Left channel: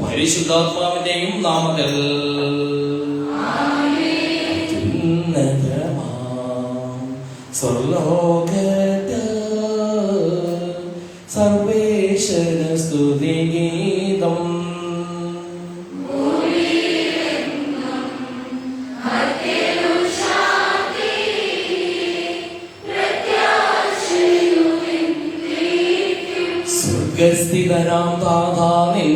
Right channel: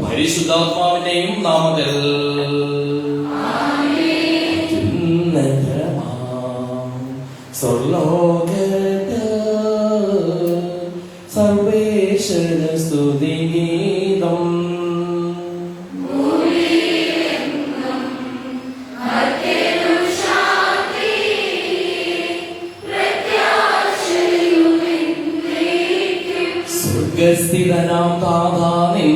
പരിശുദ്ധാത്മാവിന്റെയും നാമത്തിൽ സർവേശ്വര സ്തുതിഗീതം. സ്വർഗസ്ഥിതനാം താതാ നിൻ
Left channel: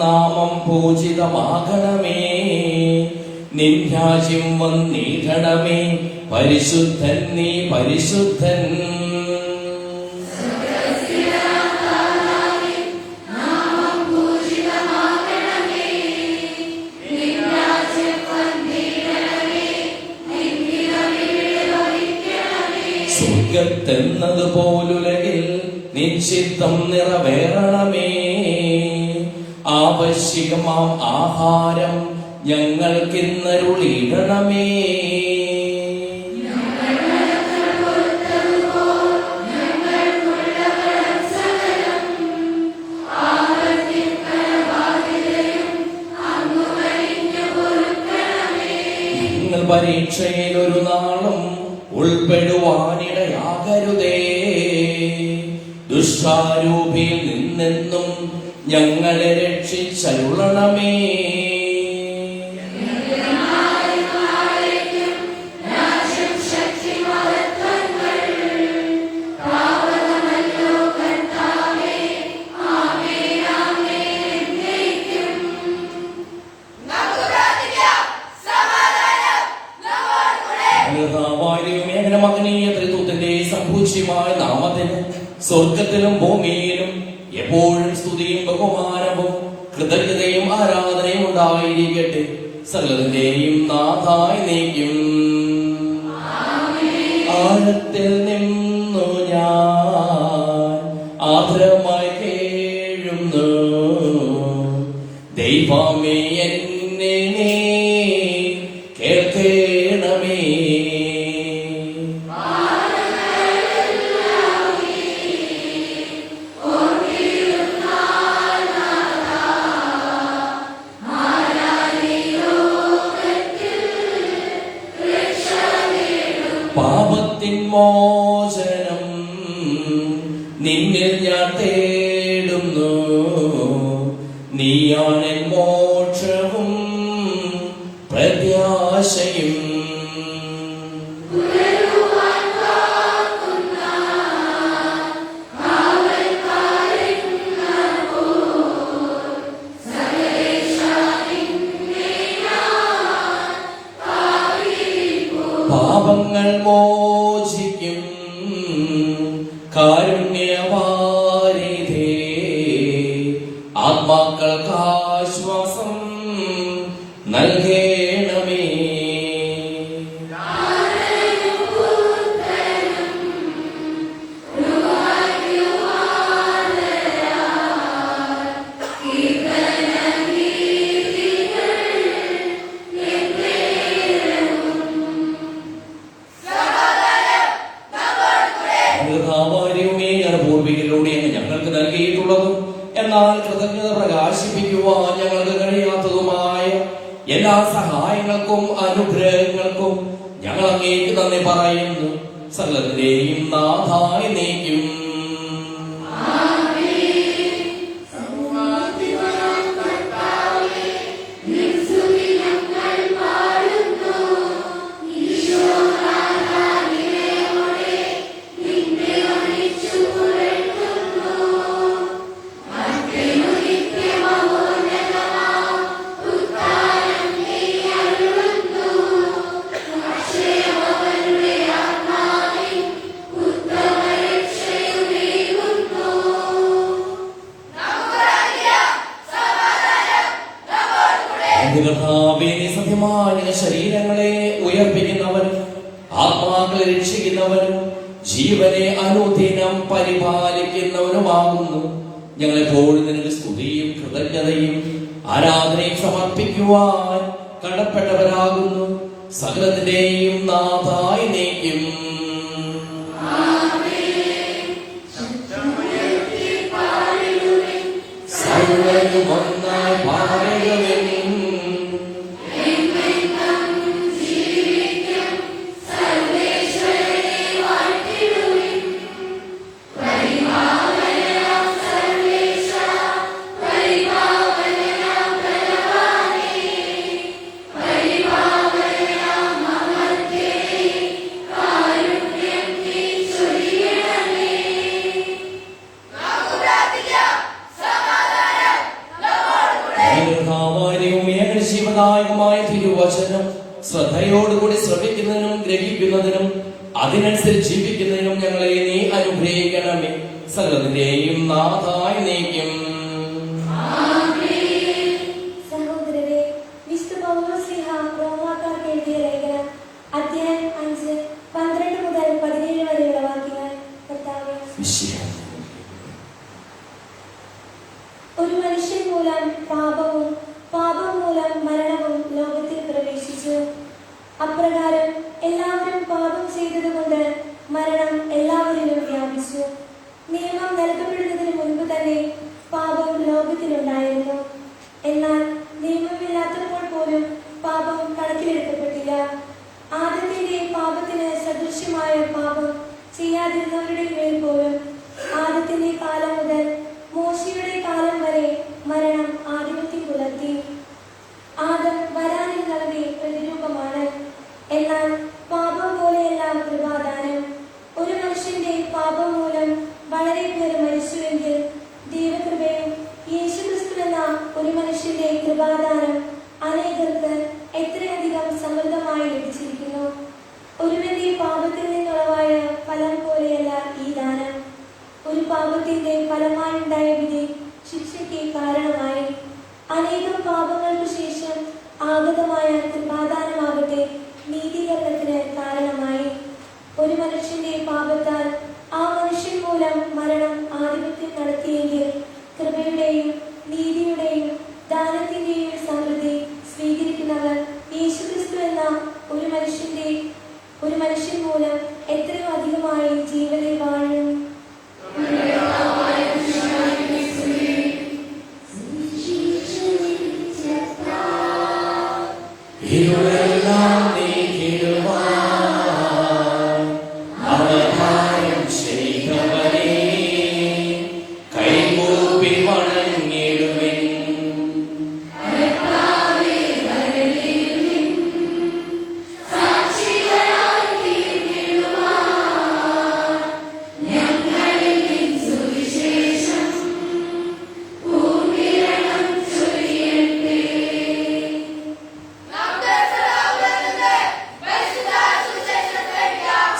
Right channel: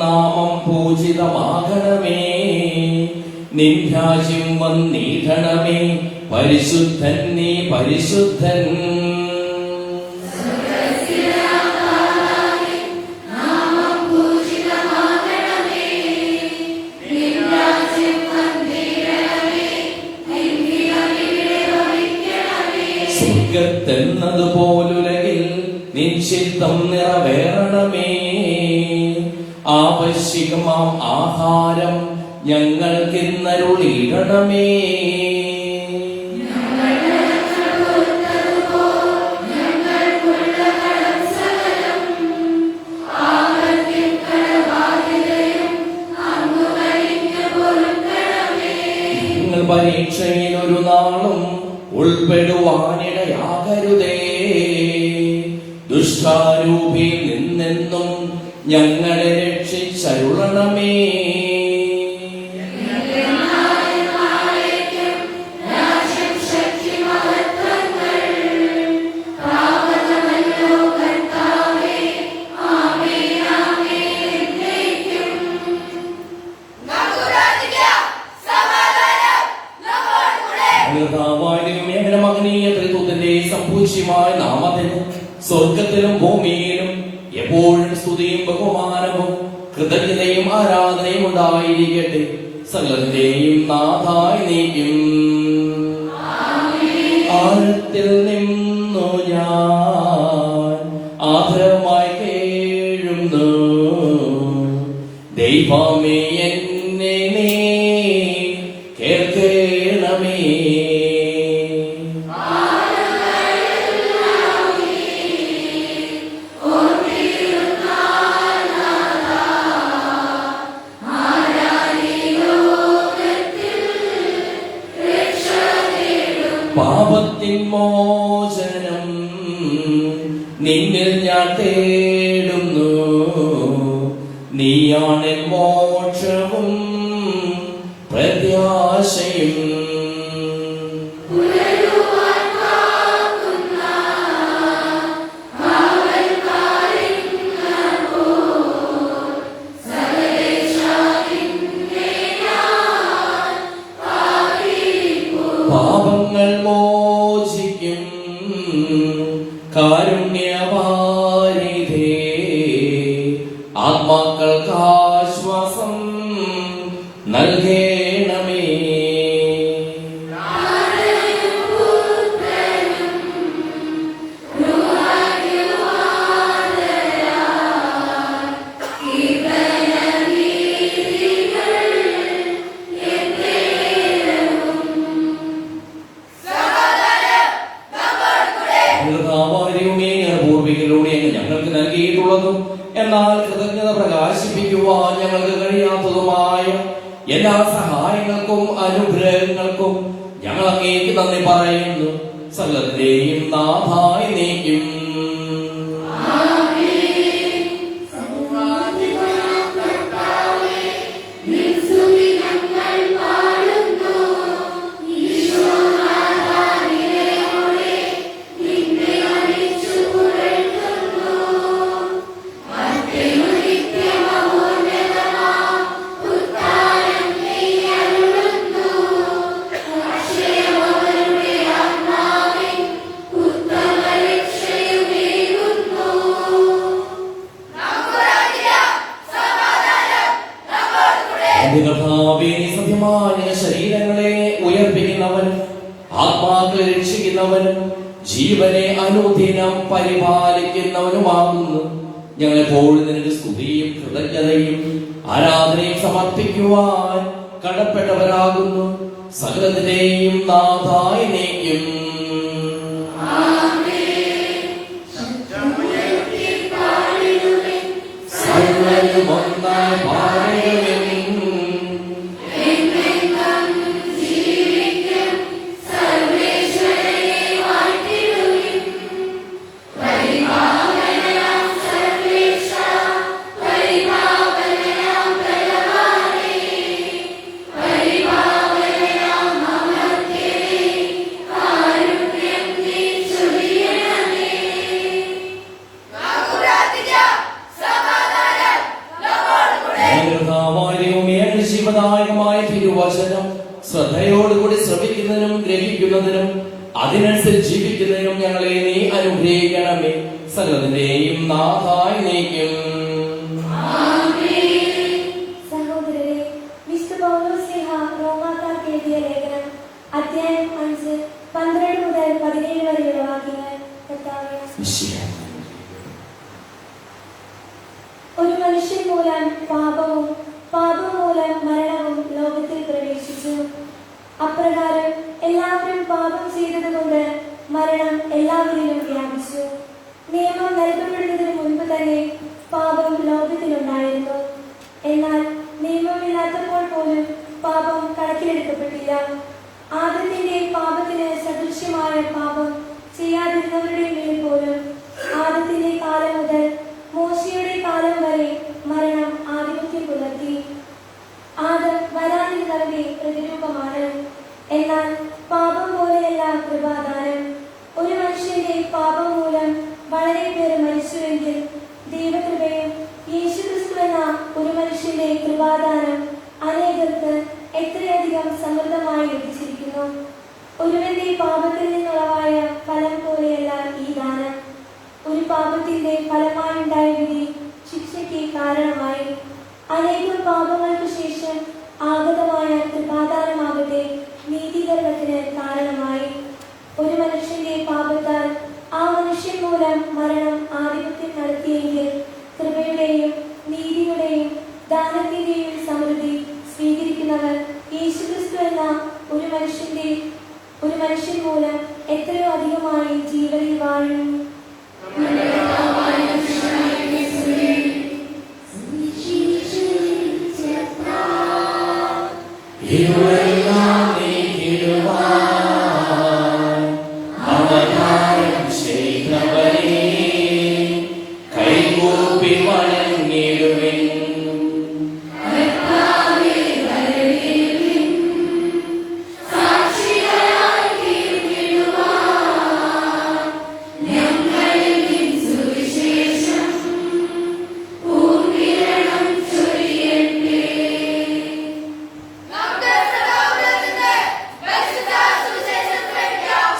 നാമം പൂജിതമാകണമേ, നിൻ രാജ്യം വന്നിടണമേ, പരിശുദ്ധൻ നീ പരിശുദ്ധൻ. സ്വർഗത്തെന്നതുപോലുലകിൽ നിൻ ചിത്തം നിറവേറണമേ, ആവശ്യമാം ആഹാരം ഞങ്ങൾക്കിന്നരുളിയിടണമേ. പരീക്ഷയിൽ ഒരു നാളും ഉൾപ്പെടുവാനിടയാകരുതേ, ദുഷ്ടാരൂപിയിൽ നിന്നെന്നും ഞങ്ങളെ രക്ഷിച്ചരുളണമേ. സംഭൂഷ്യമായ നാമത്തിന് സ്വർഗത്തിലും ഭൂമിയിലും എപ്പോഴും സ്തുതിയും ബഹുമാനവും കൃതജ്ഞതയും ആരാധനയും ഉണ്ടായിരിക്കട്ടെ, സകലത്തിന്റെയും നാഥായി നീക്കും. ആഴത്തിൽ നിന്നു ഞാൻ ആദരമായി കേഴുന്നു, ദൈവമേ എന്നെ നീ കേൾക്കണമേ. പാപത്തിൻ മോചനം നിന്നിൽ ഞാൻ തേടുന്നു, നീയാണ് മോക്ഷവും പ്രത്യാശയും. പാപങ്ങൾ മോചിക്കും കാരുണ്യവാരിധേ, ആത്മാക്കൾക്ക് ആശ്വാസം നൽകണമേ. പൂർവികളിലൂടെ ഞങ്ങൾക്ക് നൽകിയിട്ടുള്ളതും എന്നാൽ കൃതജ്ഞത പ്രകാശിപ്പിക്കുവാൻ ഞങ്ങൾക്ക് കഴിയാത്തതുമായ എല്ലാ സഹായങ്ങൾക്കും അനുഗ്രഹങ്ങൾക്കും ഞങ്ങൾ അങ്ങേക്ക് നന്ദി പറയുന്നു, സകലത്തിന്റെയും നാഥായി നീക്കും. സത്യമായ ശരീരങ്ങളെ ഉയർപ്പിക്കുന്നവനും ആത്മാക്കളെ രക്ഷിക്കുന്നവനും ജീവനെ അനുദിനം പരിപാലിക്കുന്നവനുമാകുന്നു. ഞങ്ങളെപ്പോഴും നിന്റെ സ്തുതിയും കൃതജ്ഞതയും ആരാധനയും സമർപ്പിക്കുവാൻ കടപ്പെട്ടവരാകുന്നു, സകലത്തിന്റെയും നാഥായി നീക്കും. ശബ്ദമുയർത്തി പാടിടുക ഒന്നായി പാടുമെൻ. ജീവദായകമായ തിരുവചനം ശ്രദ്ധയോടുകൂടി ശ്രമിക്കുന്നതിനും ഗ്രഹിക്കുന്നതിനും അതിനനുസരിച്ച് ജീവിക്കുന്നതിനും ഞങ്ങളെ നീ അനുഗ്രഹിക്കണമേ. സകലത്തിന്റെയും നാഥായി നീക്കും. സഹോദരരെ, വിശുദ്ധ പൗലോസ്ലീഹ റോമാക്കാർക്ക് എഴുതിയ ലേഖനം അധ്യായം 5 12 മുതൽ 17 വരെയുള്ള വാക്യങ്ങൾ. ഒരു മനുഷ്യൻ മൂലം പാപവും പാപം മൂലം മരണവും ലോകത്തിൽ പ്രവേശിച്ചു. അപ്രകാരം എല്ലാവരും പാപം ചെയ്തതുകൊണ്ട് മരണം എല്ലാവരിലും വ്യാപിച്ചു. നിയമം നൽകപ്പെടുന്നതിന് മുൻപ് തന്നെ പാപം ലോകത്തിലുണ്ടായിരുന്നു. എന്നാൽ നിയമമില്ലാത്തപ്പോൾ പോലും പാപം കണക്കിലെടുക്കപ്പെട്ടില്ല. ആദത്തിന്റെ പാപത്തിന് സദൃശ്യമായ പാപം ചെയ്യാതിരുന്നവരുടെ മേൽ പോലും ആദത്തിന്റെ കാലം മുതൽ മോശയുടെ കാലം വരെ മരണം ആധിപത്യം പുലർത്തി. ആദം വരാനിരുന്നവരുടെ പ്രതിരൂപമാണ്. എന്നാൽ പാപം പോലെയല്ല കൃപാദാനം. ഒരു മനുഷ്യന്റെ പാപം മൂലം വളരെ പേർ മരിച്ചുവെങ്കിൽ ദൈവകൃപയും യേശുക്രിസ്തു എന്ന ഒരു മനുഷ്യന്റെ കൃപാദാനം അനേകർക്ക് എത്രയധികം സമൃദ്ധമായി ലഭിച്ചിരിക്കുന്നു. ഒരുവന്റെ പാപത്തിൽ നിന്നുളവായ ഫലം പോലെയല്ല ഈ ദാനം. ഒരു പാപത്തിന്റെ ഫലമായുണ്ടായ വിധി ശിക്ഷയ്ക്ക് കാരണമായി. അനേകം പാപങ്ങൾക്ക് ശേഷം ആഗതമായ കൃപാദാനമാകട്ടെ നീതീകരണത്തിന് കാരണമായി. ഒരു മനുഷ്യന്റെ പാപത്താൽ ആ മനുഷ്യൻ മൂലം മരണം ആധിപത്യം നടത്തിയെങ്കിൽ കൃപയുടെയും നീതിയുടെയും ദാനത്തിന്റെയും സമൃദ്ധി സ്വീകരിക്കുന്നവർ യേശുക്രിസ്തു എന്ന ഒരു മനുഷ്യൻ മൂലം എത്രയോ അധികമായി ജീവനിൽ വാഴും. കൈകൂപ്പി വണങ്ങിടുവിൻ.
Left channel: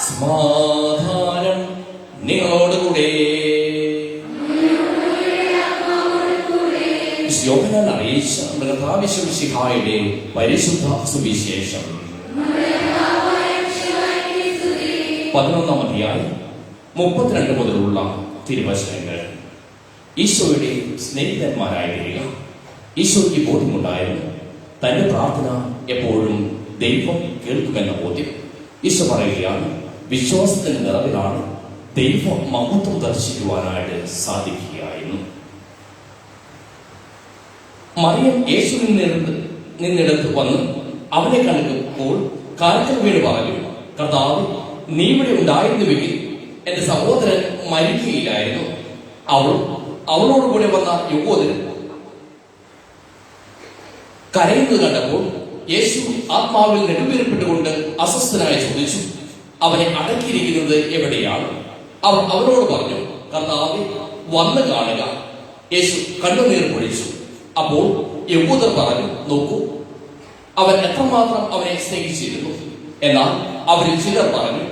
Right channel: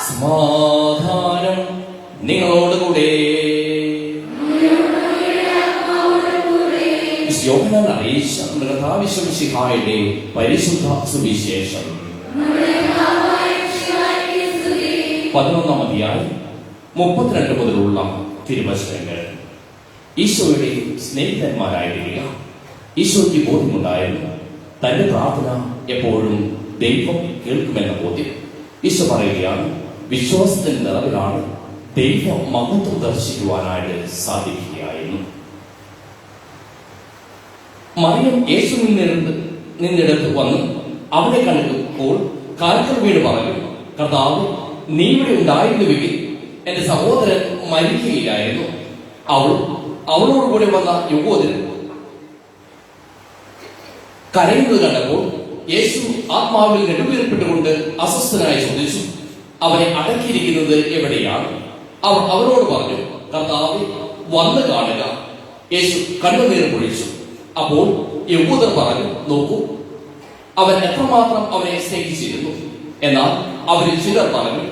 സമാധാനം നിങ്ങളോടുകൂടെ. യോഹന്നാൻ അറിയിച്ച കർത്താവിശിഹായുടെ പരിശുദ്ധ സുവിശേഷം 11-ാം അധ്യായം 32 മുതലുള്ള തിരുവചനങ്ങൾ. ഈശോയുടെ സ്നേഹിതന്മാരായിരിക്കുക. ഈശോയ്ക്ക് ബോധമുണ്ടായിരുന്നു തന്റെ പ്രാർത്ഥന എപ്പോഴും ദൈവം കേൾക്കുമെന്ന ബോധ്യം. ഈശോ പറയുകയാണ്, വിശ്വാസത്തിന്റെ നിറവിലാണ് ദൈവം മഹത്വം ദർശിക്കുവാനായിട്ട് സാധിക്കുകയായിരുന്നു. മറിയം യേശുവിൽ നിന്നിടത്ത് വന്ന് അവനെ കണ്ടപ്പോൾ കാൽക്കൽ വീണ് പറഞ്ഞു, കർത്താവ്, നീ ഇവിടെ ഉണ്ടായിരുന്നുവെങ്കിൽ എന്റെ സഹോദരൻ മരിക്കുകയായിരുന്നു. അവളോടുകൂടെ വന്ന യുവോദരൻ കരയുന്നത് കണ്ടപ്പോൾ യേശു ആത്മാവിൽ നെടുവേർപ്പെട്ടുകൊണ്ട് അസ്വസ്ഥനായി ചോദിച്ചു, അവനെ അടക്കിയിരിക്കുന്നത് എവിടെയാണ്? അവൻ അവരോട് പറഞ്ഞു, കർത്താവേ, വന്ന് കാണുക. യേശു കണ്ണുനീർ പൊഴിച്ചു. അപ്പോൾ യഹൂദർ പറഞ്ഞു, നോക്കൂ, അവൻ എത്രമാത്രം അവനെ സ്നേഹിച്ചിരുന്നു. എന്നാൽ അവരിൽ ചിലർ പറഞ്ഞു,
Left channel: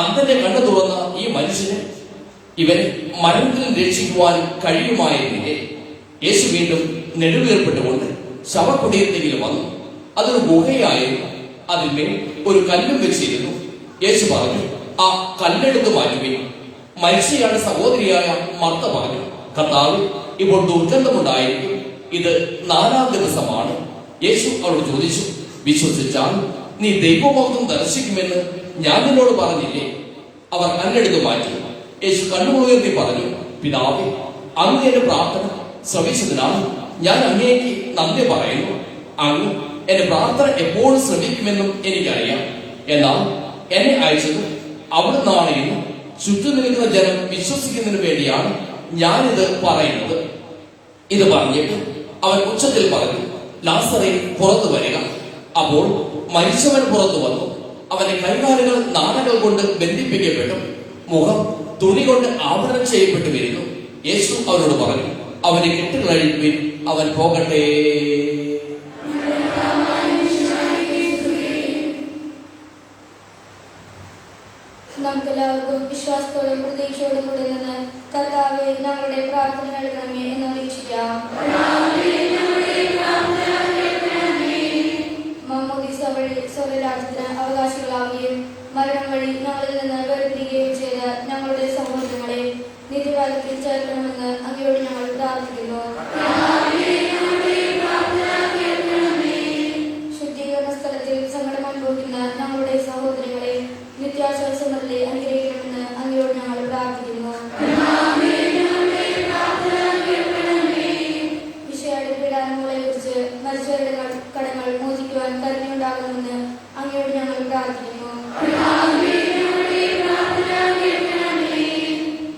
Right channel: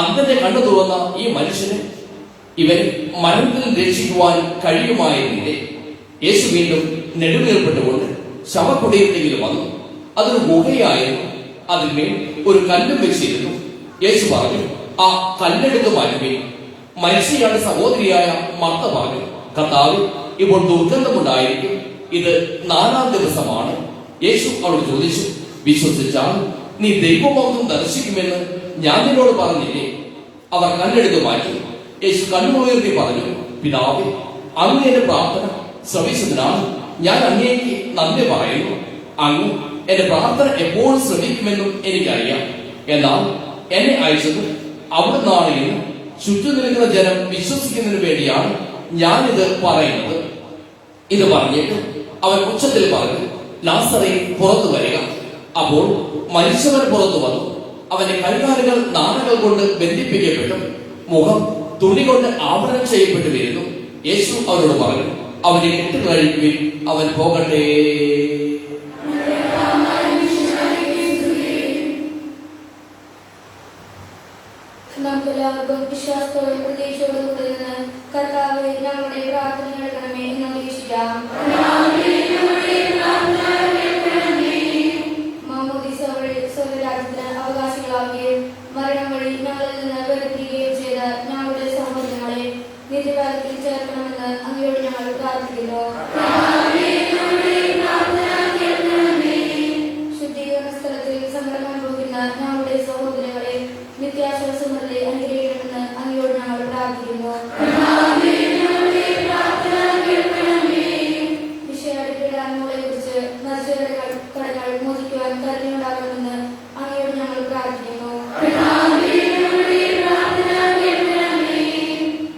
അന്ധന്റെ കണ്ണു തുറന്ന ഈ മനുഷ്യന് ഇവനെ മരണത്തിൽ രക്ഷിക്കുവാൻ കഴിയുമായിരുന്നില്ലേ? യേശു വീണ്ടും നെടുവേർപ്പെട്ടുകൊണ്ട് ശവക്കുടീരത്തിൽ വന്നു. അതൊരു ഗുഹയായിരുന്നു. അതിന്മേൽ ഒരു കല്ലും വെച്ചിരുന്നു. യേശു പറഞ്ഞു, ആ കല്ലെടുത്ത് മാറ്റുകയും. മരിച്ചയാൾ സഹോദരിയായ മർത്ത പറഞ്ഞു, കർത്താവ്, ഇപ്പോൾ ദുർഗന്ധമുണ്ടായിരിക്കും. ഇത് 4-ാം ദിവസമാണ്. യേശു അവളോട് ചോദിച്ചു, വിശ്വസിച്ചാൽ നീ ദൈവമഹത്വം ദർശിക്കുമെന്ന് ഞാൻ നിന്നോട് പറഞ്ഞില്ലേ? അവർ കല്ലെടുത്ത് മാറ്റി. യേശു കണ്ണുമുയർത്തി പറഞ്ഞു, പിതാവേ, അങ്ങ് എന്റെ പ്രാർത്ഥന ശ്രവിച്ചതിനാൽ ഞാൻ അങ്ങേക്ക് നന്ദി പറയുന്നു. അങ്ങ് എന്റെ പ്രാർത്ഥന എപ്പോഴും ശ്രമിക്കുമെന്നും എനിക്കറിയാം. എന്നാൽ എന്നെ അയച്ചത് അവിടുന്നാണ് എന്ന് ചുറ്റും നിൽക്കുന്ന ജനം വിശ്വസിക്കുന്നതിന് വേണ്ടിയാണ് ഞാനിത് പറയുന്നത്. ഇത് പറഞ്ഞിട്ട് അവൻ ഉച്ചത്തിൽ പറഞ്ഞു, ലാസറേ, പുറത്തു വരിക. അപ്പോൾ മരിച്ചവൻ പുറത്തു വന്നു. അവന്റെ കൈകാലുകൾ നാടകൾ കൊണ്ട് ബന്ധിപ്പിക്കപ്പെട്ടു, മുഖം തുണി കൊണ്ട് ആവരണം ചെയ്യപ്പെട്ടു വരുന്നു. യേശു അവനോട് പറഞ്ഞു, അവനെ കെട്ടുകഴിക്കുകയും അവൻ പോകട്ടെ. നമുക്കെല്ലാവർക്കും വിശ്വാസത്തോടും പ്രതീക്ഷയോടും കൂടെ നിന്ന് കർത്താവേ, നമ്മുടെ പ്രാർത്ഥന കേൾക്കണമേ എന്ന് അപേക്ഷിക്കാം. മാമോദീസ വഴി സ്വർഗ്ഗരാജ്യത്തിന് അവകാശികളാവുകയും മരണം വഴി ഞങ്ങളിൽ നിന്ന് വേർപിരിയുകയും ചെയ്ത ഞങ്ങളുടെ സഹോദരങ്ങളെ നീതികാലത്തിൽ ചേർക്കണമെന്ന് അങ്ങയോട് ഞങ്ങൾ പ്രാർത്ഥിക്കുന്നു. ശുദ്ധീകരണ സ്ഥലത്തിൽ സങ്കടം അനുഭവിക്കുന്ന ഞങ്ങളുടെ സഹോദരങ്ങളെ നിത്യാശ്വാസങ്ങളുടെ അനുഗ്രഹിക്കണമെന്ന് അങ്ങയോട് ഞങ്ങൾ പ്രാർത്ഥിക്കുന്നു. വിഷയയുടെ പ്രധാനങ്ങളെ കുറിച്ച് മത്സരങ്ങളുടെ കടങ്ങൾ മോചിക്കുവാൻ കരുണയുണ്ടാകണമെന്ന് അങ്ങയോട് ഞങ്ങൾ പ്രാർത്ഥിക്കുന്നു.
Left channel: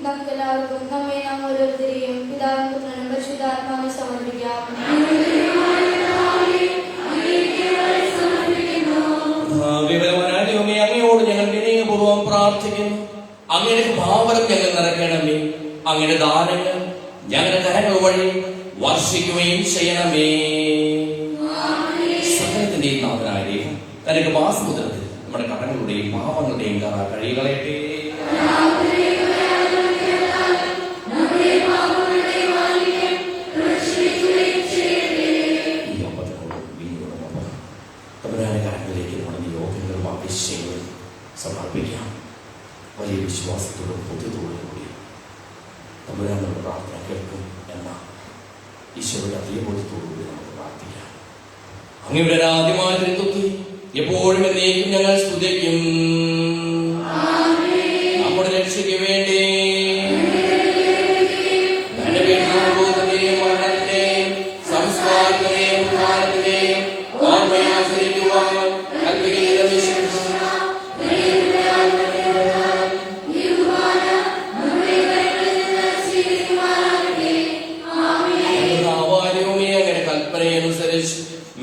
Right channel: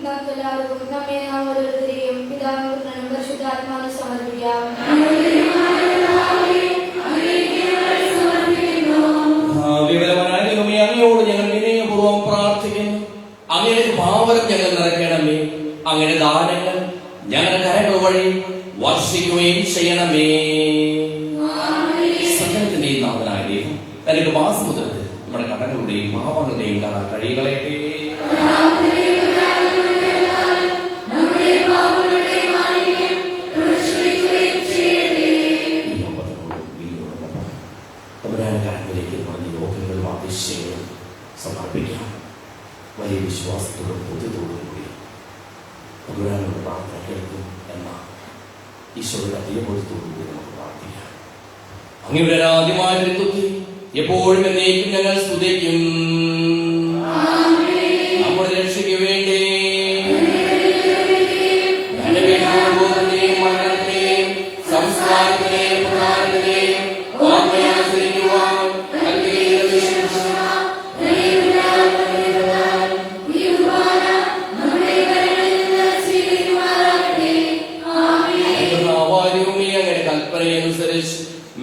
നമുക്കെല്ലാവർക്കും നമ്മെ നാം ഓരോരുത്തരെയും പിതാവും പുത്രനും പരിശുദ്ധാത്മാവിനെ സമർപ്പിക്കാം. അങ്ങയോട് ഞങ്ങൾ വിനയപൂർവ്വം പ്രാർത്ഥിക്കുന്നു. അങ്ങയുടെ ഭാവനം ഞങ്ങൾ നിറയ്ക്കണമേ. അങ്ങയുടെ ദാനങ്ങൾ ഞങ്ങളുടെ കരങ്ങൾ വഴി വർഷിക്കുകയും ചെയ്യണമേ. സകലത്തിന്റെയും നാഥനായ ദൈവം തനിക്ക് മാസമുതലത്തിൽ നമ്മുടെ കടങ്ങളുടെയും പാവങ്ങളുടെയും കഥ കഴികളയട്ടെ. സമർപ്പിക്കാം. വലിയ വിശ്വാസത്തോടും ബുദ്ധിത്തോടും കൂടി തമ്പുരാനുള്ള പ്രാർത്ഥന കേൾക്കും എന്ന ഈശോയുടെ അധികബോധത്തോടുകൂടി നമുക്ക് പ്രാർത്ഥിക്കാം. അങ്ങയുടെ ആദ്യമായ തിരുത്തുത്തി എപ്പോഴും എന്നേക്കും ഞങ്ങൾ സ്തുതിക്കും. നമ്മുടെ രക്ഷയ്ക്ക് വേണ്ടി തന്റെ വീട്ടിലെയും മരണത്തിലെയും സംസ്കാരത്തിലെയും പ്രധാനത്തിലെയും ആശ്രയിക്കുവാൻ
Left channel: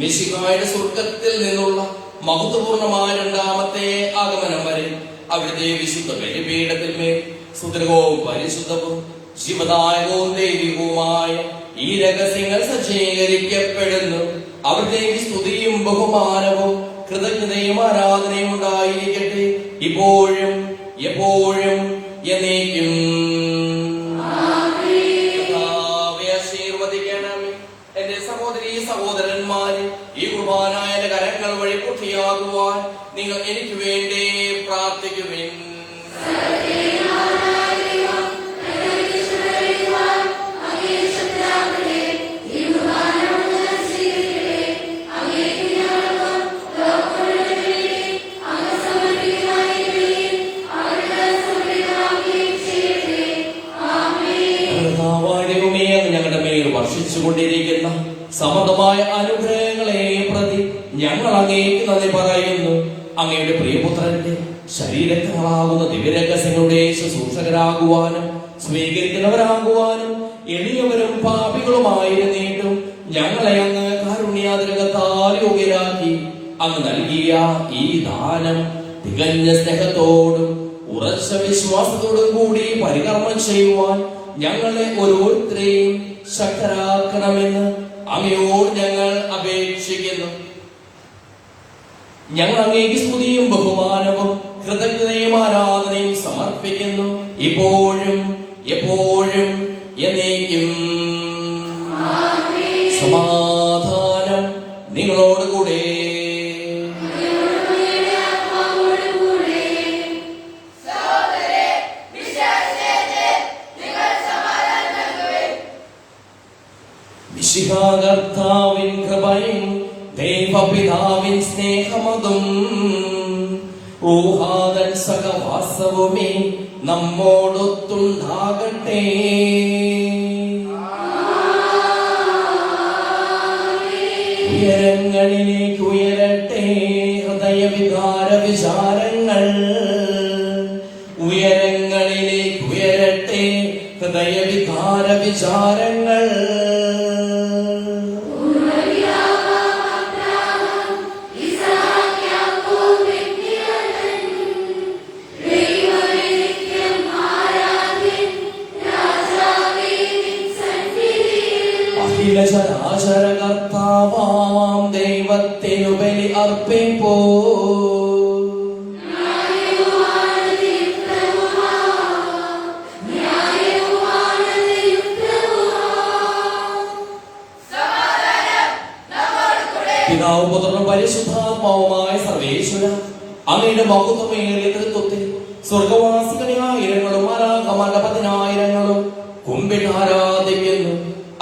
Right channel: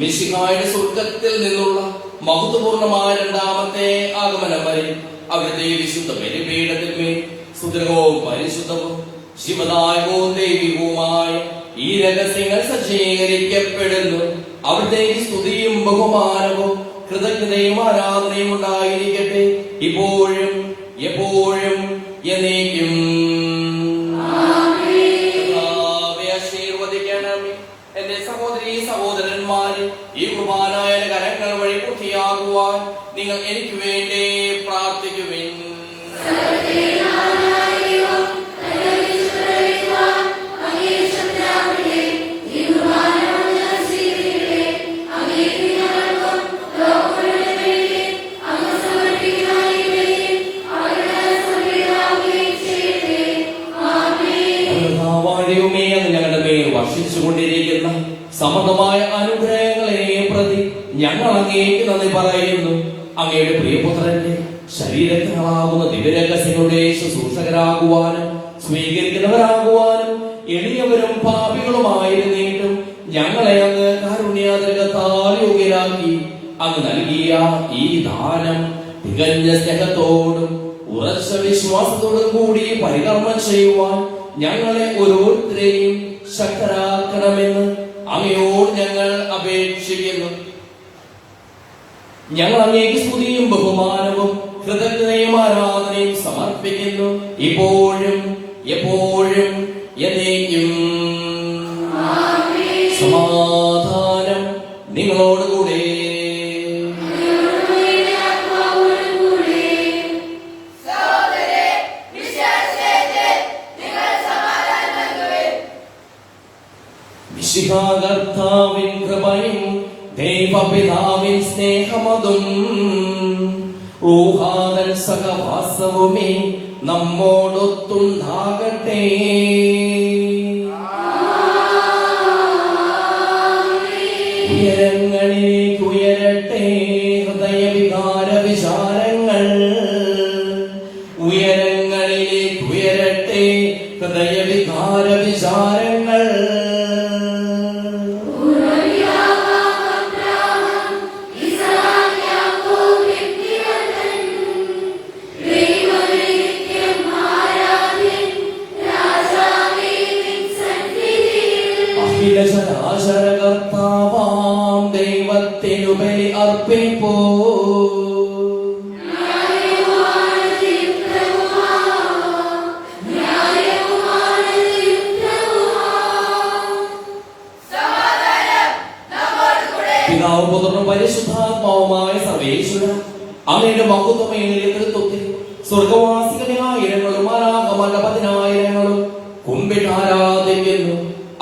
മിശിഹായുടെ സ്വർഗ്ഗത്തിൽ നിന്നുള്ള മഹത്വപൂർണമായ രണ്ടാമത്തെ ആഗമനം വരെ അവിടുത്തെ വിശുദ്ധ ബലിപീഠത്തിന്മേൽ സുദൃഢവും പരിശുദ്ധവും ശിവദായകവും ദൈവികവുമായ ഈ രഹസ്യങ്ങൾ സജ്ജീകരിക്കപ്പെടുന്നു. അവിടുത്തെ സ്തുതിയും ബഹുമാനവും കൃതജ്ഞതയും ആരാധനയും ഉണ്ടായിരിക്കട്ടെ, ഇപ്പോഴും എപ്പോഴും എന്നേക്കും. ആശീർവദിക്കണമേ. എന്റെ സഹോദരീ സഹോദരന്മാരെ, ഈ കുർബാനായ കരങ്ങൾ വഴി പൂർത്തിയാകുവാൻ നിങ്ങൾ എനിക്ക് വേണ്ടി പ്രാർത്ഥിക്കുവിൻ. ഞങ്ങളുടെ മേൽ വർഷിച്ചുകൊണ്ടിരിക്കുന്ന സമൃദ്ധമായ അനുഗ്രഹങ്ങളെ പ്രതി ഞങ്ങൾ അങ്ങേക്ക് നന്ദി പറയുന്നു. അങ്ങയുടെ പ്രിയപുത്രന്റെ ശരീരങ്ങളാകുന്ന ദിവ്യരഹസ്യങ്ങളുടെ ശുശ്രൂഷകരാകുവാനും സ്വീകരിക്കുന്നവരാകുവാനും എളിയവരും പാപികളുമായിരുന്നിട്ടും ഞങ്ങളെ അങ്ങ് കാരുണ്യാതിരകത്താൽ യോഗ്യരാക്കി. അങ്ങ് നൽകിയ ഈ ദാനം തികഞ്ഞ സ്നേഹത്തോടും ഉറച്ച വിശ്വാസത്തോടും കൂടി പരികർമ്മം ചെയ്യുവാൻ ഞങ്ങളെ ഓരോരുത്തരെയും ശക്തരാക്കണമെന്ന് അങ്ങയോട് ഞങ്ങൾ അപേക്ഷിക്കുന്നു. ഞങ്ങൾ അങ്ങേക്ക് സ്തുതിയും ബഹുമാനവും കൃതജ്ഞതയും ആരാധനയും സമർപ്പിക്കുന്നു, ഇപ്പോഴും എപ്പോഴും എന്നേക്കും. സമാധാനം നിങ്ങളോടുകൂടെ. കർത്താവിൻ കൃപയും ദൈവപിതാവിൻ സ്നേഹമതും ഊഹാദൻ സഹവാസവുമേ നമ്മോടൊത്തുണ്ടാകട്ടെ. ഹൃദയവികാര വിചാരങ്ങൾ. അഖിലചരാചരകർത്താവാം ദൈവത്തിനു ബലി അർപ്പിപ്പോ. പിതാവ് പുത്രനും പരിശുദ്ധാത്മാവുമായ സർവേശ്വരൻ അങ്ങയുടെ മഹത്വമേറിയ തൃത്വത്തിൽ സ്വർഗവാസികളായിരങ്ങളും മാലാഖമാരുടെ 10,000 കുമ്പിട്ട് ആരാധിക്കുന്നു.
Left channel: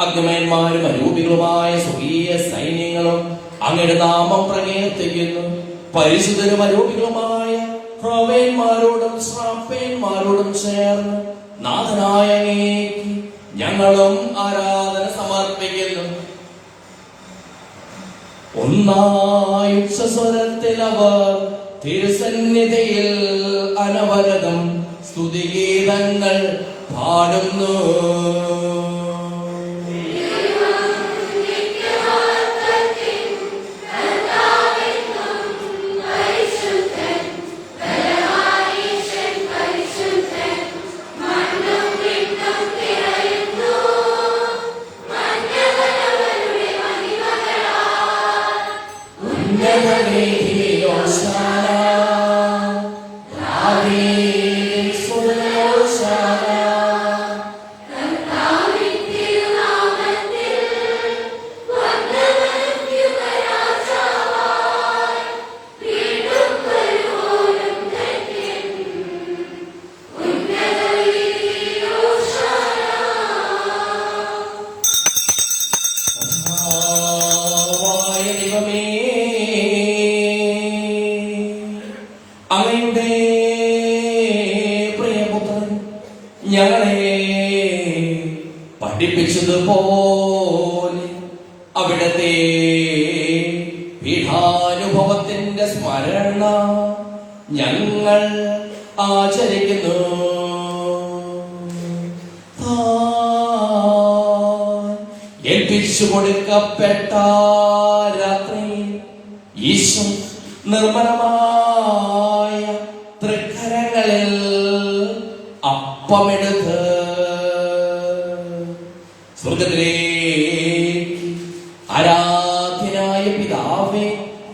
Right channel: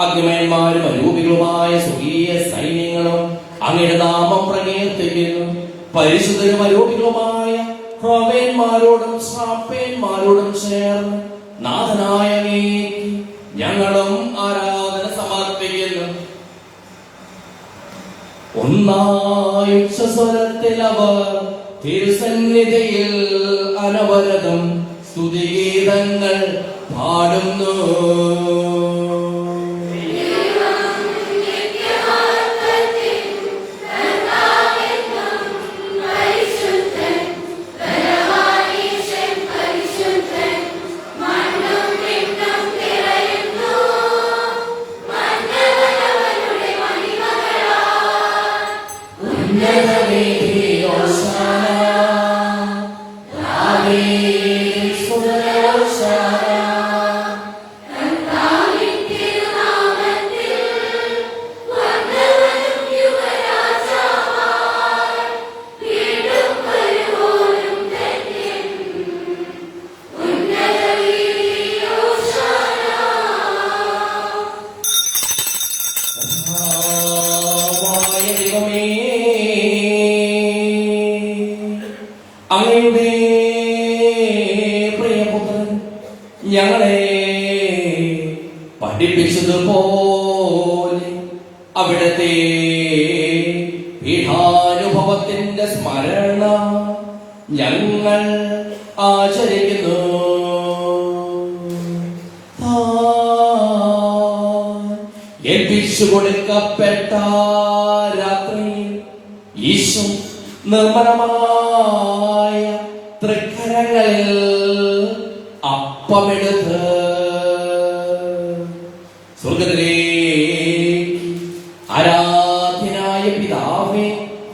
അഗ്നിമയന്മാരും അരൂപികളുമായ സ്വകീയ സൈന്യങ്ങളും അങ്ങയുടെ നാമം പ്രകീർത്തിക്കുന്നു. പരിശുദ്ധരും അരൂപികളുമായ പ്രവേന്മാരോടും ശ്രാപ്പേന്മാരോടും ചേർന്ന് നാഥനായ അങ്ങേക്ക് ഞങ്ങളും ആരാധന സമർപ്പിക്കുന്നു. ഒന്നായ ഉച്ചസ്വരത്തിൽ അവർ തിരുസന്നിധിയിൽ അനവരതം സ്തുതിഗീതങ്ങൾ പാടുന്നു. അങ്ങയുടെ പ്രിയപുത്രൻ ഞങ്ങളെ പഠിപ്പിച്ചതുപോലെ അവിടത്തെ പീഠാനുഭവത്തിന്റെ സ്മരണ ഞങ്ങൾ ആചരിക്കുന്നു. ഏൽപ്പിച്ചു കൊടുക്കപ്പെട്ട രാത്രി ഈശോ നിർമ്മലമായ തൃക്കരങ്ങളിൽ അപ്പമെടുത്ത് സ്വർഗ്ഗത്തിലേക്ക് ആരാധ്യനായ പിതാവേ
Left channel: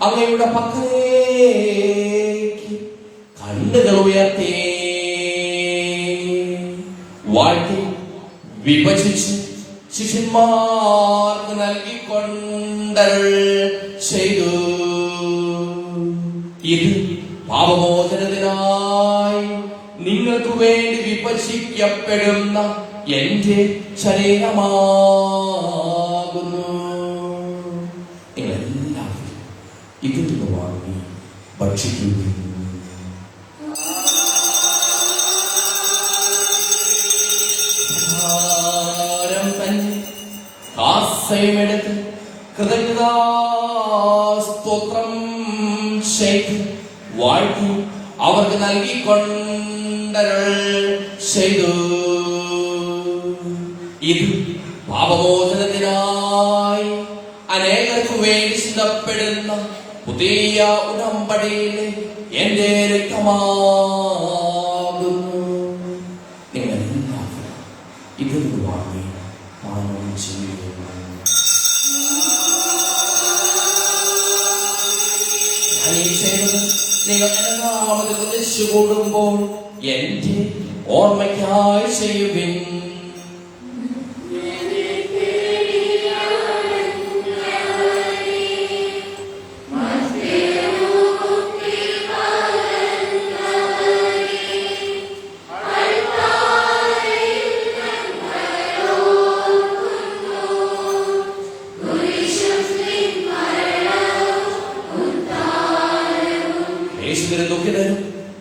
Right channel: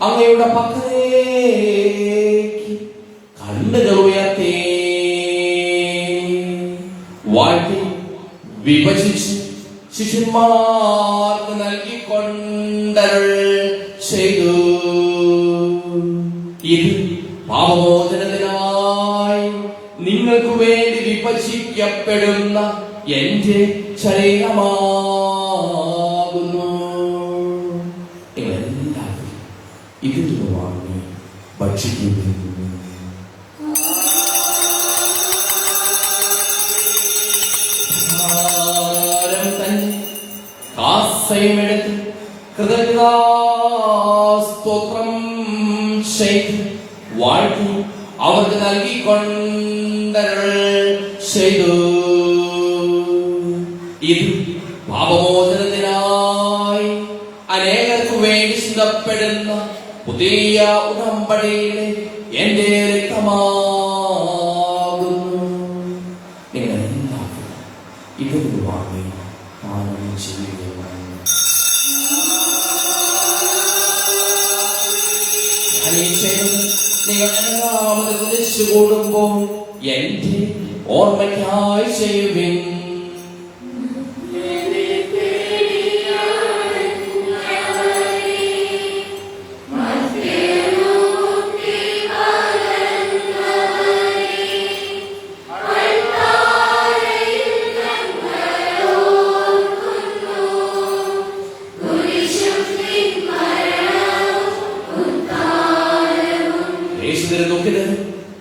അങ്ങയുടെ പക്കലേക്ക് കണ്ണുകൾ ഉയർത്തി വാഴ്ത്തി വിഭജിച്ച് ശിഷ്യന്മാർക്ക് നൽകിക്കൊണ്ടരുൾ ചെയ്തു. ഇത് പാപമോചനത്തിനായി നിങ്ങൾക്ക് വേണ്ടി വിഭജിക്കപ്പെടുന്ന എന്റെ ശരീരമാകുന്നു. നിങ്ങളെല്ലാവരും ഇതിൽ നിന്ന് വാങ്ങി ഭക്ഷിക്കുന്നു. കാസയുമെടുത്ത് കൃതജ്ഞതാസ്തോത്രം ചെയ്ത് വാഴ്ത്തി അവർക്ക് നൽകിക്കൊണ്ടരുൾ ചെയ്തു. ഇത് പാപമോചനത്തിനായി അനേകർക്ക് വേണ്ടി ചിന്തപ്പെടുന്ന പുതിയ ഉടമ്പടിയിലെ എന്റെ രക്തമാകുന്നു. നിങ്ങളെല്ലാവരും ഇതൊരു വാങ്ങി പാനം ചെയ്യുക. നിങ്ങൾ രണ്ടാമത് കുതിച്ചു കൂടുമ്പോൾ എന്റെ ഓർമ്മയ്ക്കായി ചെയ്യുവിൻ.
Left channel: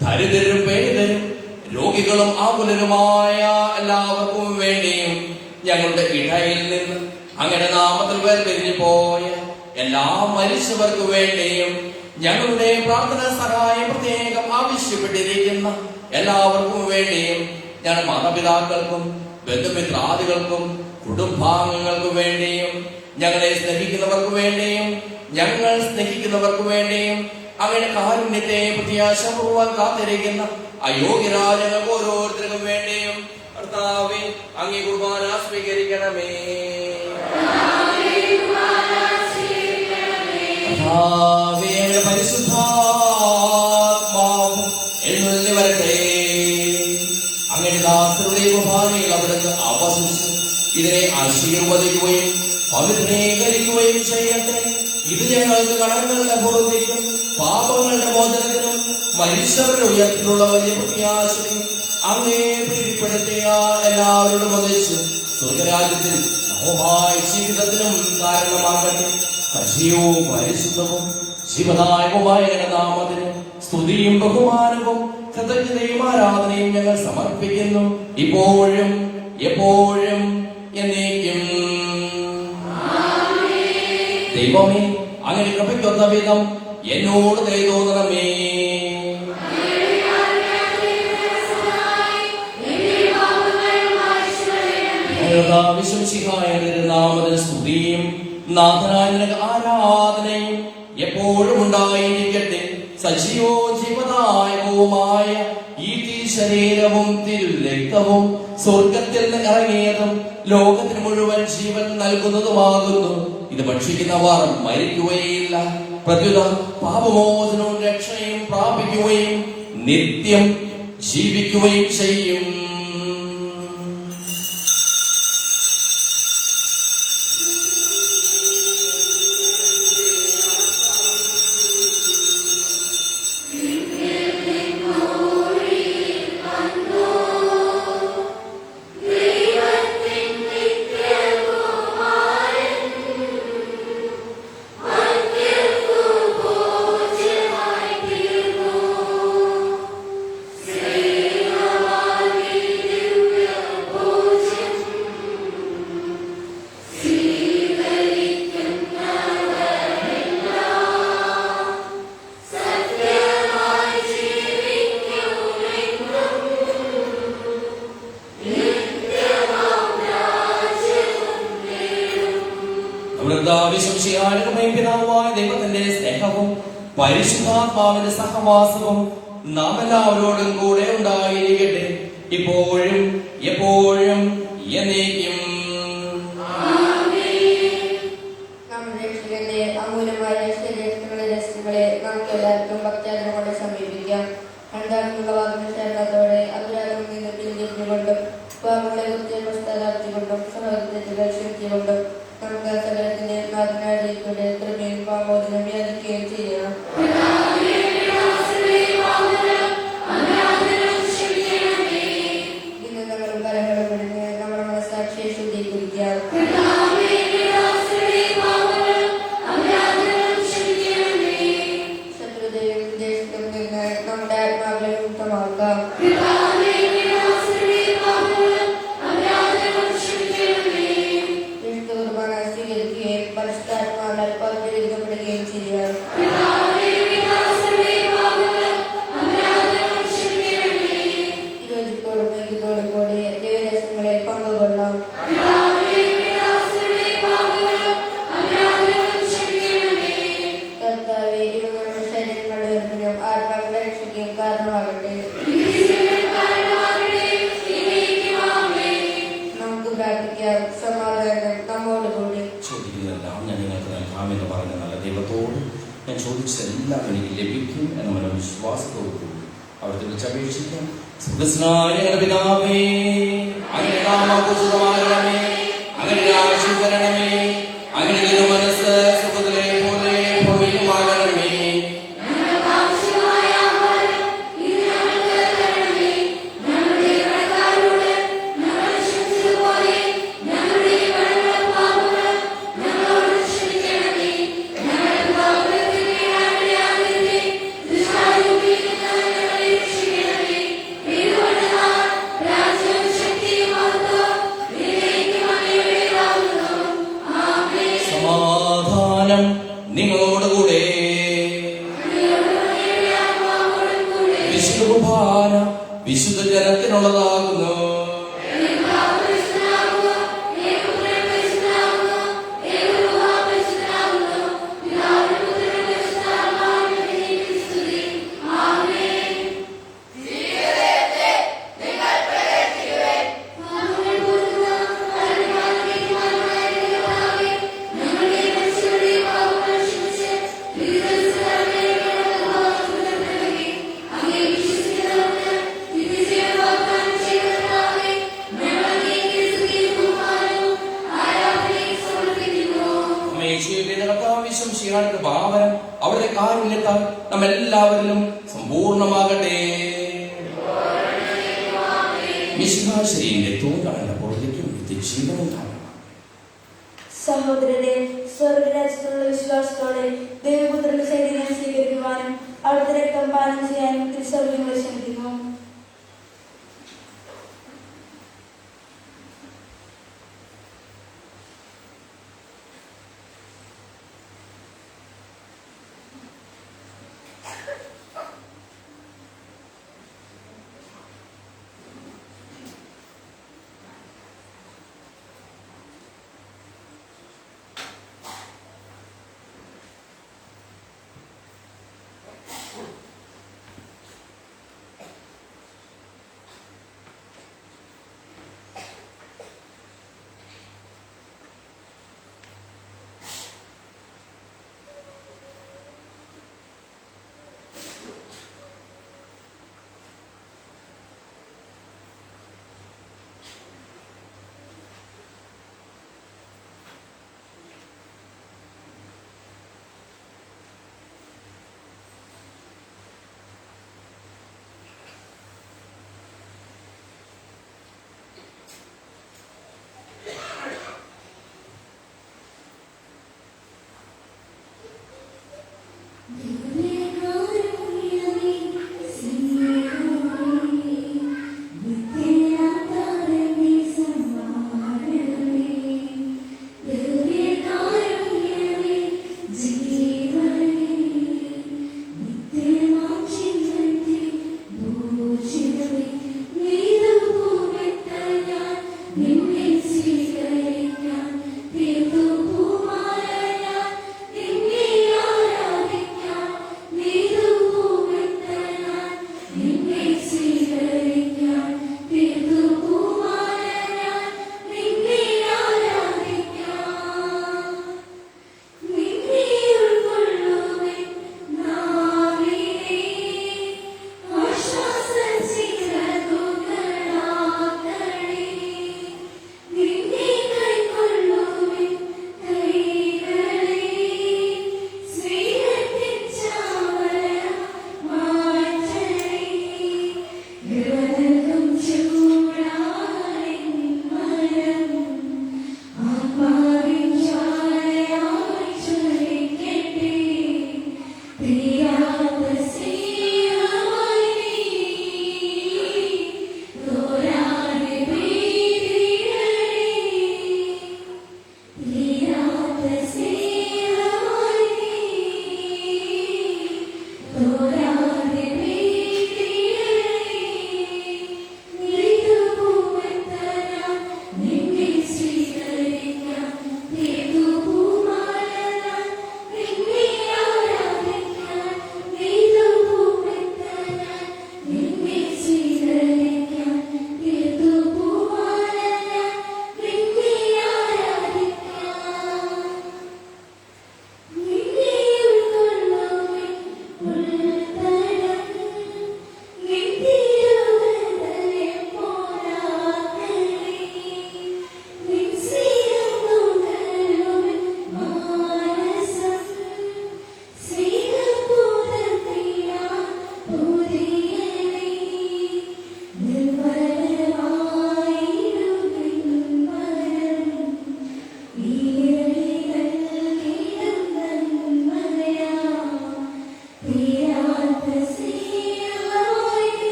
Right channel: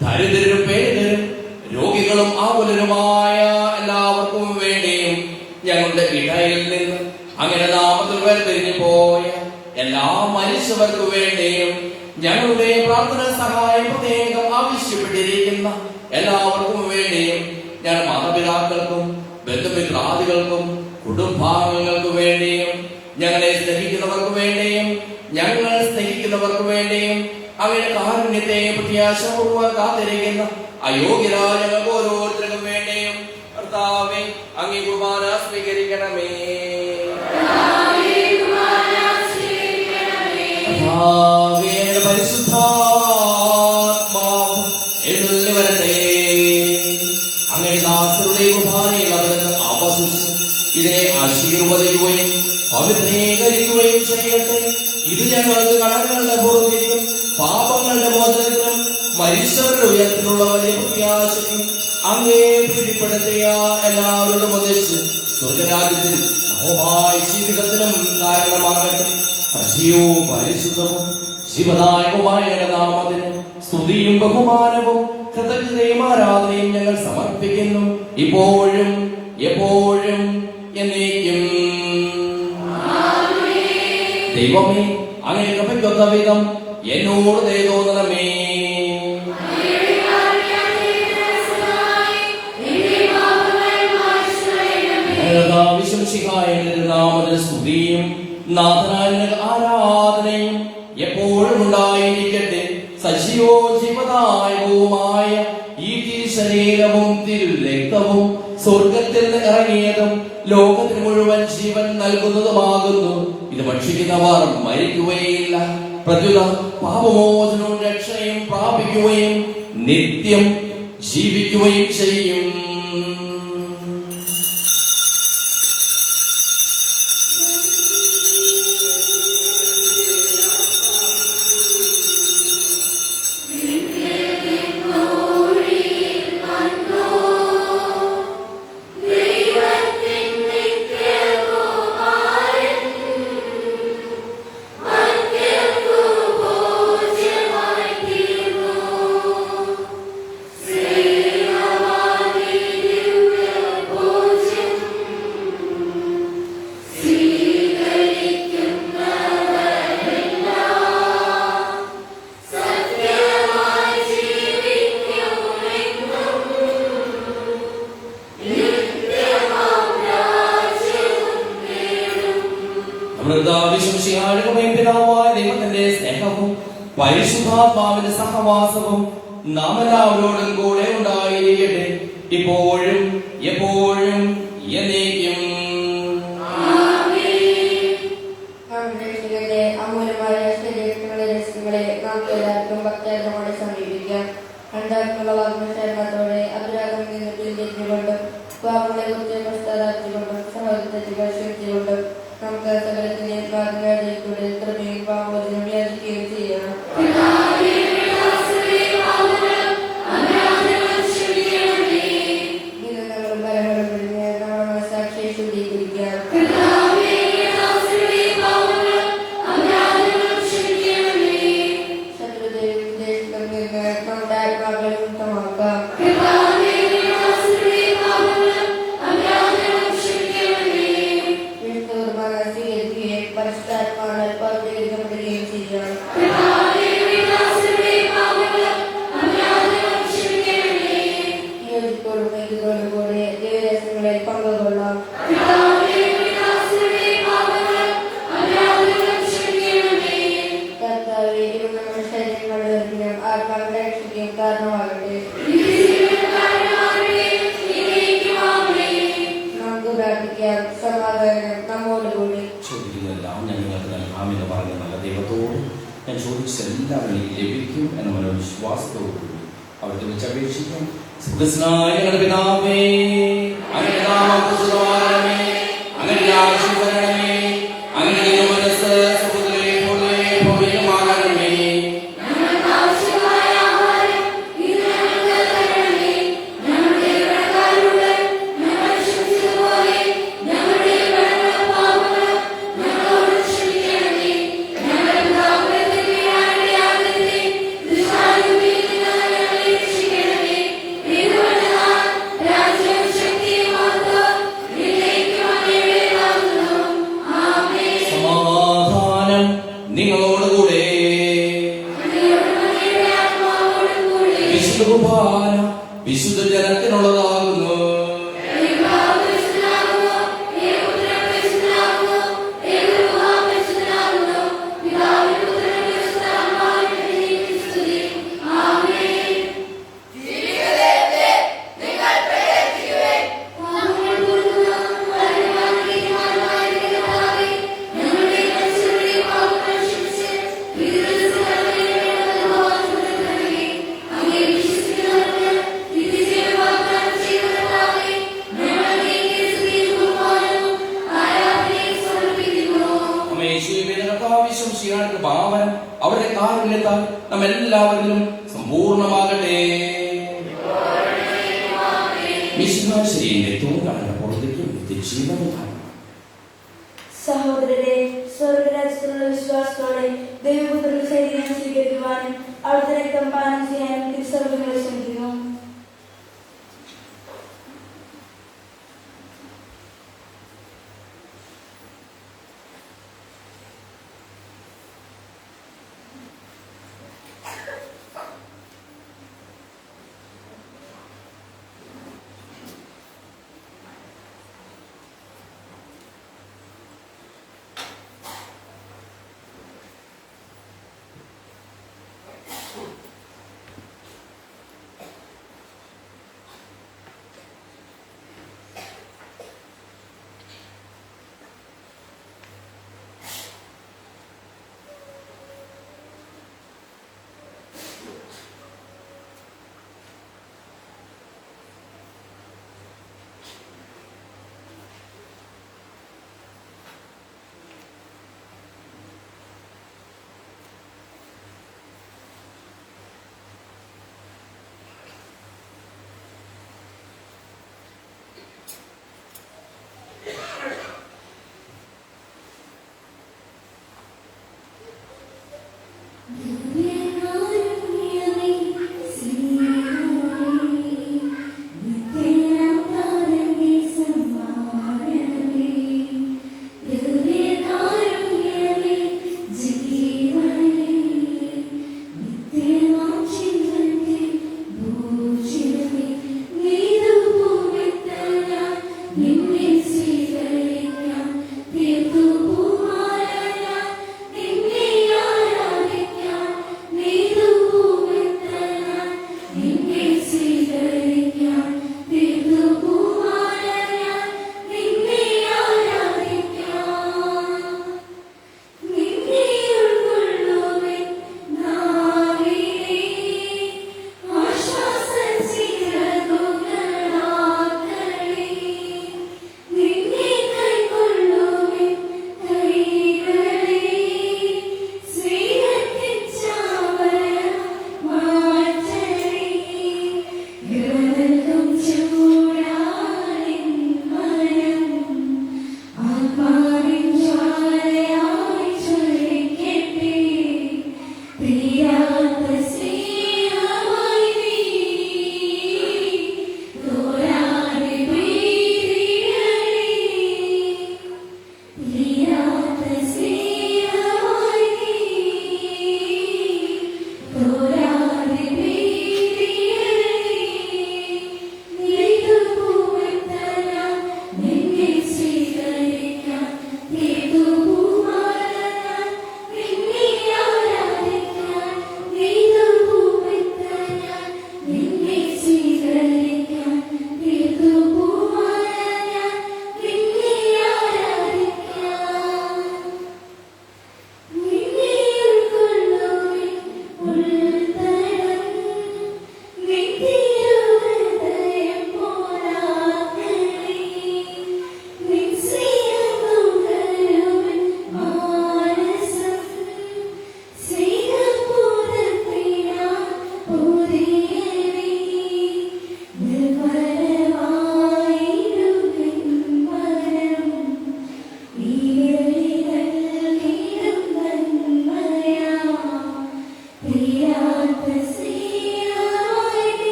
ദരിദ്രരും പേരിതരും രോഗികളും ആകുലരുമായ എല്ലാവർക്കും വേണ്ടിയും ഞങ്ങളുടെ ഇടയിൽ നിന്ന് അങ്ങനെ നാമത്തിൽ വേർപിരിഞ്ഞു പോയ എല്ലാ മനുഷ്യർക്കു വേണ്ടിയും ഞങ്ങളുടെ പ്രാർത്ഥന സഹായം പ്രത്യേകം ആവശ്യപ്പെട്ടിരിക്കുന്ന എല്ലാവർക്കും വേണ്ടിയും ഞങ്ങളുടെ മാതാപിതാക്കൾക്കും ബന്ധുമിത്രാദികൾക്കും കുടുംബാംഗങ്ങൾക്കും വേണ്ടിയും ഞങ്ങളെ സ്നേഹിക്കുന്നവർക്ക് വേണ്ടിയും ഞങ്ങൾ സ്നേഹിക്കുന്നവർക്ക് വേണ്ടിയും അങ്ങയുടെ കാരുണ്യത്തെ പ്രത്യാശപൂർവ്വം കാത്തിരിക്കുന്ന അയോഗ്യരായ ഞങ്ങൾക്ക് ഓരോരുത്തർക്കും വേണ്ടിയും കർത്താവേ അങ്ങേ കുർബാന സ്വീകരിക്കണമേ. പരിശുദ്ധാത്മാവ് എഴുന്നള്ളി വരട്ടെ. അങ്ങനെ ദാസരുടെ കുർബാനയിൽ അവിടുന്ന് ആവാസിച്ച് ഇതിനെ ആശീർവദിക്കുകയും പവിത്രീകരിക്കുകയും ചെയ്യട്ടെ. ഇത് ഞങ്ങൾക്ക് കടങ്ങളുടെ ബോധ്യത്തിനും പാപങ്ങളുടെ മോചനത്തിനും മനുഷ്യരുടെ ഉയരത്തിലുള്ള വലിയ പ്രത്യാശയ്ക്കും അങ്ങേ പ്രീതിപ്പെടുത്തിയ എല്ലാവരോടും ഒന്നിച്ച് സ്വർഗരാജ്യത്തിൽ നവമായ ജീവിതത്തിനും കാരണമാകട്ടെ. സജീവവും പരിശുദ്ധവും ശിവദായകമായ നാമത്തിന് സ്തുതിയും ബഹുമാനവും കൃതജ്ഞതയും ആരാധനയും ഞങ്ങൾ സമർപ്പിക്കുന്നു, ഇപ്പോഴും എപ്പോഴും എന്നേക്കും. ദൈവമേ, അങ്ങനെ കൃപയ്ക്കൊത്ത വിധം എന്നോട് ദയ തോന്നണമേ. നാമത്തിന് സ്തുതിയും നാഥനായ ആരാധനയും എപ്പോഴും ഉണ്ടായിരിക്കട്ടെ. സജീവോജീവദായകവുമായ ഈ തിരുശരീരവും തിരുരക്തവും സ്വർഗത്തിൽ നിന്ന് ഇറങ്ങിയതും ലോകത്തിന് മുഴുവൻ ജീവൻ നൽകുന്നതുമാകുന്നു. ഇത് ഭക്ഷിക്കുന്നവർ മരിക്കുകയില്ല, പ്രത്യുത പാപമോചനവും രക്ഷയും പ്രാപിക്കുകയും നിത്യം ജീവിക്കുകയും ചെയ്യും. പിതാവായ ദൈവത്തിന്റെ സ്നേഹവും പരിശുദ്ധാത്മാവിന്റെ സഹവാസവും നാം എല്ലാവരോടും കൂടെ ഉണ്ടായിരിക്കട്ടെ, ഇപ്പോഴും എപ്പോഴും എന്നേക്കും. അമൂല്യമായ ശരീരങ്ങളെ രസങ്ങളെ നാം എല്ലാവർക്കും ഭക്തജനോടെ സമീപിക്കാം. രണ്ടാമത്തുള്ള വാഗ്ദാനത്തോടെ അപരാധം നിന്നുകൊണ്ടും പാപങ്ങളെ കുറിച്ച് പശ്ചാത്താപത്തികൊണ്ടും സഹോദരങ്ങൾ ക്ഷമിച്ചുകൊണ്ടും നമുക്ക് സകലത്തിന്റെ പ്രാർത്ഥനയുടെ കൃപയും പാവോചനം വ്യാപിക്കുകയും ചെയ്യണം. ദീനങ്ങളും ഭയങ്ങളും പിടിഞ്ഞ് നമ്മുടെ മനസ്സാക്ഷിയെ ശുദ്ധീകരിക്കാം. ശത്രുതയും വിദേശത്തും നിന്ന് നമ്മുടെ ആത്മാക്കളെ മുക്തമാക്കാം. പരിശുദ്ധാത്മാവിനാൽ പവിത്രപ്പെടുകയും ചെയ്യണം. യോജിപ്പോടും ഐക്യത്തോടും കൂടി ദിവസങ്ങളെ പങ്കുകൊള്ളാം. കർത്താവേ, ശരീരങ്ങളുടെ ഉയർപ്പിനും ആത്മാക്കളെ രക്ഷിക്കുകയും കാരണമാകട്ടെ. നമുക്ക് പ്രാർത്ഥിക്കാം. സമാധാനം നമ്മോടുകൂടി. ചോദിക്കുന്നതെല്ലാം ഞാൻ നിങ്ങൾക്ക് നൽകാമെന്ന് പറഞ്ഞ നല്ല ദൈവത്തോട് ഞാൻ ചോദിച്ചതെല്ലാം എനിക്ക് ലഭിക്കും എന്ന മനോവിശ്വാസത്തോടുകൂടി അവിടുത്തെ വിളിച്ചപേക്ഷിക്കാം. സുഖസ്നായ ഞങ്ങളുടെ പിതാവേ, അങ്ങയുടെ നാമം പൂജിതമാകണമേ, അങ്ങയുടെ രാജ്യം വരണമേ, അങ്ങയുടെ മനസ്സ് സ്വർഗ്ഗത്തിലെ പോലെ ഭൂമിയിലുമാകണമേ. രാജ്യം ശക്തിയും അവരുടെ കാരുണ്യത്താൽ നാം എല്ലാവരിലും സമ്പൂർണ്ണമാകട്ടെ. വിശ്വാസത്തിന്റെ തോന്നാനപ്പോഴേക്കും ജീവിതമാണ്. സഹോദരരെ, സ്വർഗരാജ്യത്തിലുള്ള വിശ്വാസത്തോടെ ദൈവപുത്രന്റെ ശരീരം സ്വീകരിക്കുവാനും അവിടുത്തെ രക്തം പാനം ചെയ്യാനും തിരുസ്വർഗ്ഗങ്ങളെ ക്ഷണിക്കുന്നു.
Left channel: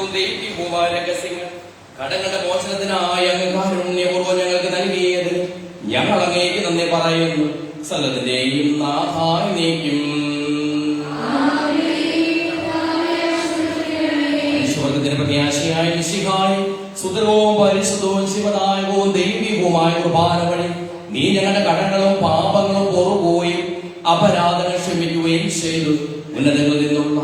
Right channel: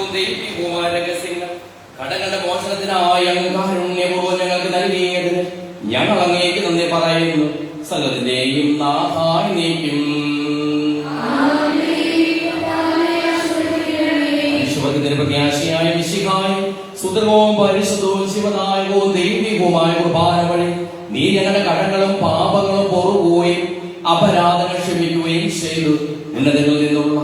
അത്ഭുതവും ദൈവികവുമായ രഹസ്യങ്ങൾ കടങ്ങളുടെ മോചനത്തിനായി അങ്ങ് കാരുണ്യപൂർവ്വം ഞങ്ങൾക്ക് നൽകിയതിന് ഞങ്ങൾ അങ്ങേക്ക് നന്ദി പറയുന്നു. സകലത്തിന്റെയും നാഥായി നീക്കും. വിശ്വത്തിന്റെ പ്രത്യാശയായ മിശിഹായി സുതകവും പരിശുദ്ധവും ശിവദായകവും ദൈവികവുമായ കുർബാന വഴി നീ ഞങ്ങളുടെ കടങ്ങളും പാപങ്ങളും പൊറുകയും അപരാധങ്ങൾ ക്ഷമിക്കുകയും ചെയ്തു. ഉന്നതങ്ങളിൽ നിന്നുള്ള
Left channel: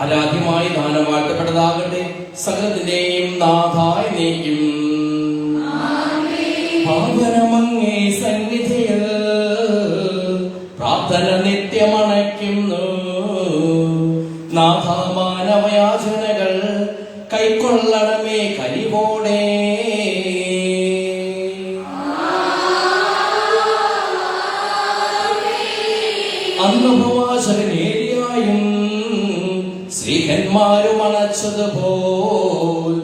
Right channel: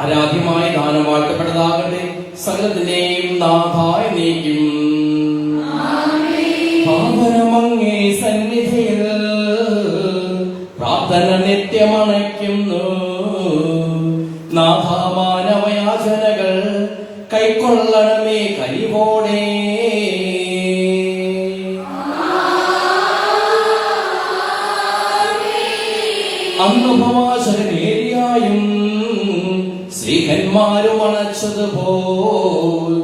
ആരാധ്യമായ ദാനം വാഴ്ത്തപ്പെട്ടതാകട്ടെ. സകലത്തിന്റെയും നാഥായി നീക്കും. പാവനമങ്ങേ സന്നിധിയിൽ പ്രാർത്ഥന നിത്യമണയ്ക്കുന്നു. നാഥാമാനവയാചനകൾ കൈക്കൊള്ളണമേ കനിവോടെ. അനുഭവാചരനേരിയായും സ്ത്രീഹന്മാരും അണച്ചതുപോൽ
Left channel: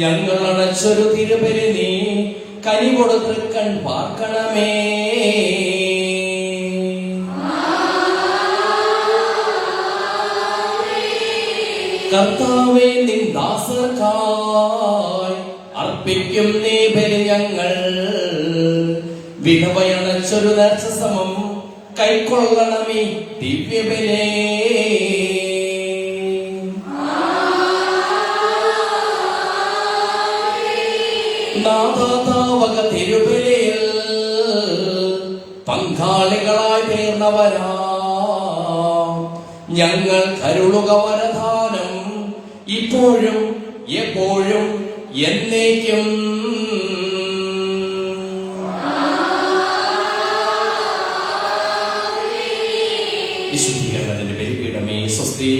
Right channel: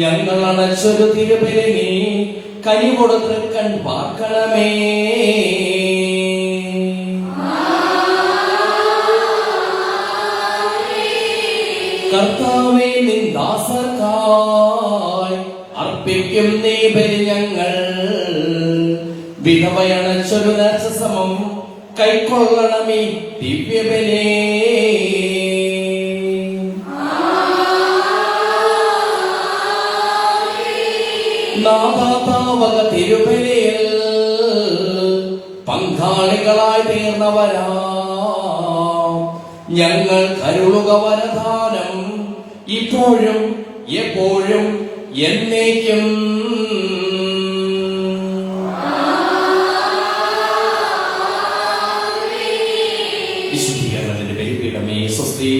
ഞങ്ങൾ അണച്ചൊരു തിരുബലി നീ കനി കൊടുത്ത് കൺ പാർക്കണമേ. കർത്താവേ, നിൻ ദാസർക്കായി അർപ്പിക്കും നീ ബലി ഞങ്ങൾ. വിധവയണച്ചൊരു നർച്ചസമം കൈക്കൊള്ളണമേ ദിവ്യബലേ. നാഥാവക തിരുബലിയിൽ പങ്കാളികളായി തീർന്നവരാ ഞങ്ങൾ കരുളുക വരദാനം ഇപ്പോഴും എപ്പോഴും എന്നേക്കും. വിശുദ്ധീകരണത്തിന്റെ ബലിപീഠമേ സ്വസ്തി.